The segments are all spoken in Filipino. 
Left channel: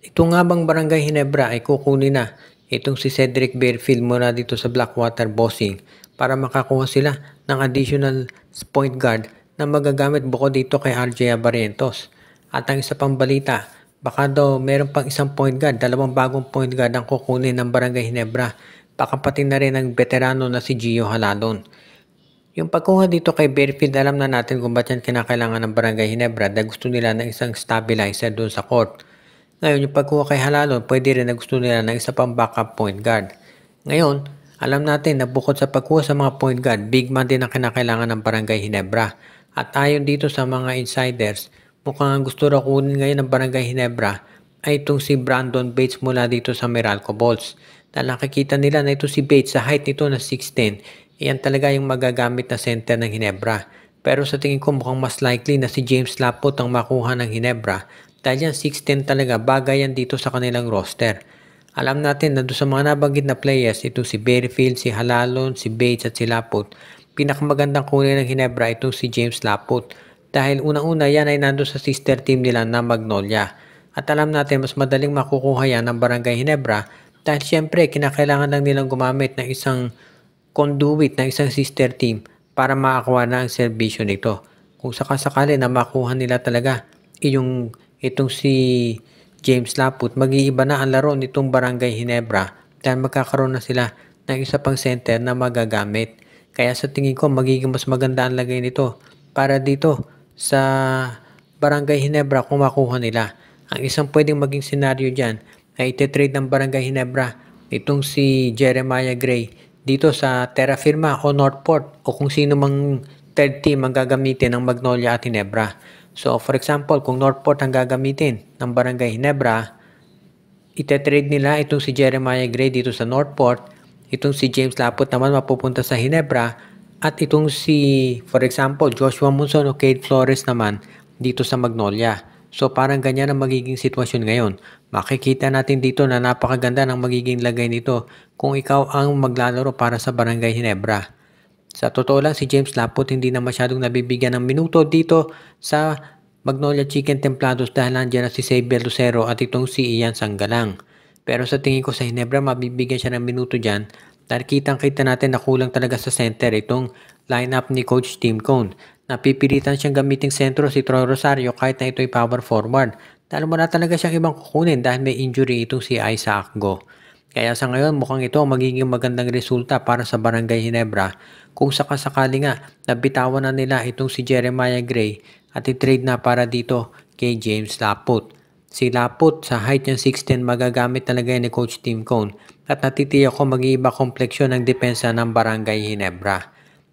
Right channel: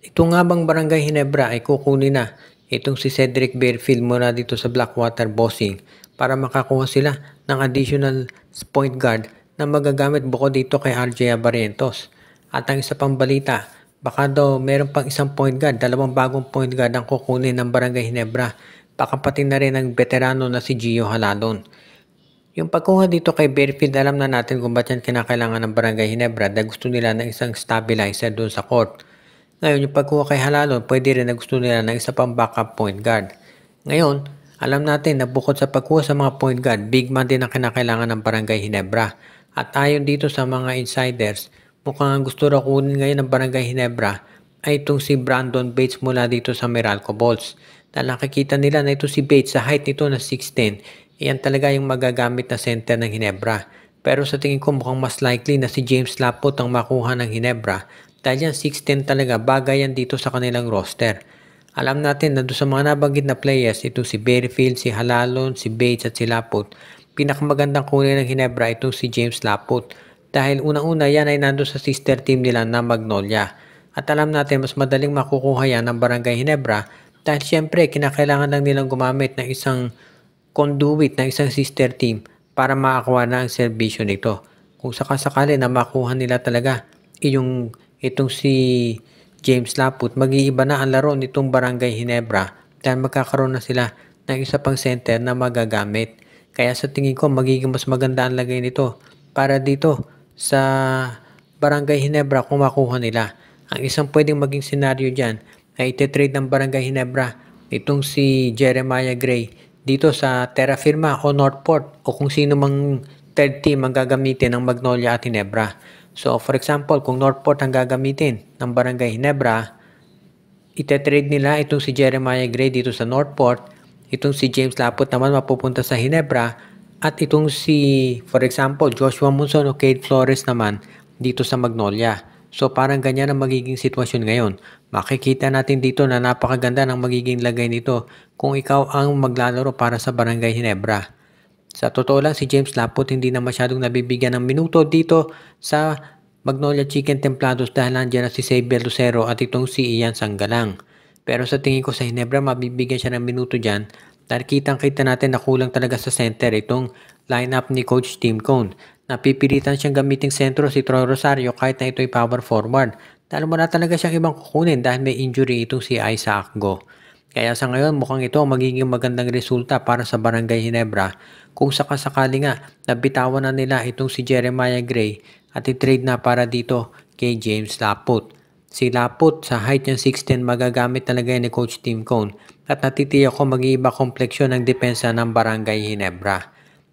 Ito nga bang Barangay Hinebra ay kukunin na itong si Cedric Barefield mula dito sa Blackwater Bossing para makakuha sila ng additional point guard na magagamit bukod dito kay RJ Barrientos. At ang isa pang balita, baka daw meron pang isang point guard, dalawang bagong point guard ang kukunin ng Barangay Hinebra. Baka pati na rin ang veterano na si Gio Halalon. Yung pagkuha dito kay Barefield, alam na natin kung ba't yan kinakailangan ng Barangay Hinebra dahil gusto nila ng isang stabilizer doon sa court. Ngayon, yung pagkuha kay Halalon, pwede rin na gusto nila ng isa pang backup point guard. Ngayon, alam natin na bukod sa pagkuha sa mga point guard, big man din ang kinakailangan ng Barangay Hinebra. At ayon dito sa mga insiders, mukhang gusto raw kunin ngayon ng Barangay Hinebra ay itong si Brandon Bates mula dito sa Meralco Bolts. Dahil nakikita nila na ito si Bates sa height nito na 6'10", iyan talaga yung magagamit na center ng Hinebra. Pero sa tingin ko mukhang mas likely na si James Laput ang makuha ng Hinebra dahil yan 6'10 talaga, bagay yan dito sa kanilang roster. Alam natin na doon sa mga nabanggit na players, ito si Barefield, si Halalon, si Bates at si Laput. Pinakamagandang kunin ng Hinebra itong si James Laput dahil unang-una yan ay nandun sa sister team nila na Magnolia. At alam natin mas madaling makukuha yan ng Barangay Hinebra dahil syempre kinakailangan lang nilang gumamit ng isang conduit ng isang sister team para makakuha na ang serbisyo nito. Kung sakasakali na makuha nila talaga itong si James Laput, mag-iiba na ang laro nitong Barangay Hinebra dahil magkakaroon na sila ng isa pang center na magagamit. Kaya sa tingin ko magiging mas maganda ang lagay nito para dito sa Barangay Hinebra kung makuha nila. Ang isang pwedeng maging senaryo dyan ay ititrade ng Barangay Hinebra itong si Jeremiah Gray dito sa Terra Firma o Northport o kung sino mang third team ang gagamitin ng Magnolia at Hinebra. So for example, kung Northport ang gagamitin ng Barangay Hinebra, itetrade nila itong si Jeremiah Gray dito sa Northport, itong si James Laput naman mapupunta sa Hinebra, at itong si, for example, Joshua Monson o Cade Flores naman dito sa Magnolia. So parang ganyan ang magiging sitwasyon ngayon. Makikita natin dito na napakaganda ng magiging lagay nito kung ikaw ang maglalaro para sa Barangay Hinebra. Sa totoo lang si James Laput hindi na masyadong nabibigyan ng minuto dito sa Magnolia Chicken Templados dahil nandiyan na si Xavier Lucero at itong si Ian Sanggalang. Pero sa tingin ko sa Hinebra mabibigyan siya ng minuto dyan dahil kitang-kita natin na kulang talaga sa center itong lineup ni Coach Tim Cone. Napipilitan siyang gamiting sentro si Troy Rosario kahit na ito'y power forward. Dahil wala talaga siyang ibang kukunin dahil may injury itong si Isaac Go. Kaya sa ngayon mukhang ito ang magiging magandang resulta para sa Barangay Hinebra kung sakasakali nga nabitawan na nila itong si Jeremiah Gray at i-trade na para dito kay James Laput. Si Laput sa height niya 6'10 magagamit talaga ni Coach Tim Cone at natitiyak ko mag-iiba kompleksyon ng depensa ng Barangay Hinebra.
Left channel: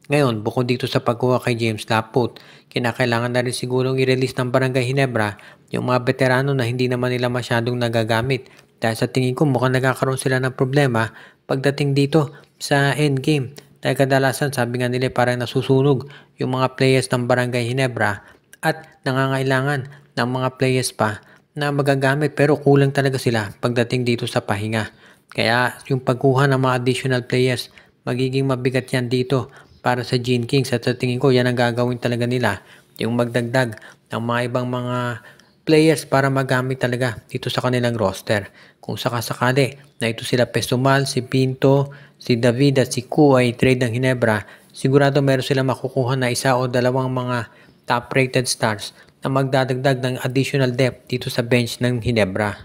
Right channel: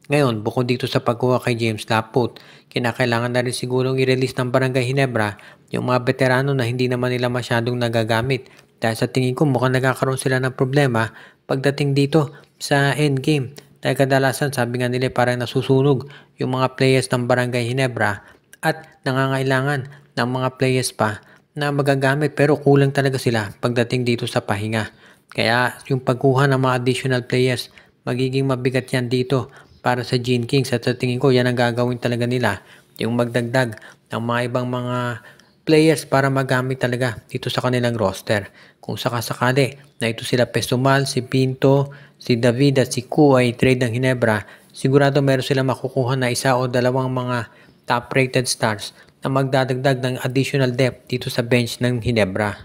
Ngayon, bukod dito sa pagkuha kay James Laput, kinakailangan na rin sigurong i-release ng Barangay Hinebra yung mga veterano na hindi naman nila masyadong nagagamit. Dahil sa tingin ko mukhang nagkakaroon sila ng problema pagdating dito sa endgame. Dahil kadalasan sabi nga nila parang nasusunog yung mga players ng Barangay Hinebra at nangangailangan ng mga players pa na magagamit pero kulang talaga sila pagdating dito sa pahinga. Kaya yung pagkuha ng mga additional players magiging mabigat yan dito para sa Gene Kings at sa tingin ko yan ang gagawin talaga nila yung magdagdag ng mga ibang mga players para magamit talaga dito sa kanilang roster. Kung sakasakali na ito sila Pesumal, si Pinto, si David at si Ku ay trade ng Hinebra, sigurado meron sila makukuha na isa o dalawang mga top rated stars na magdadagdag ng additional depth dito sa bench ng Hinebra.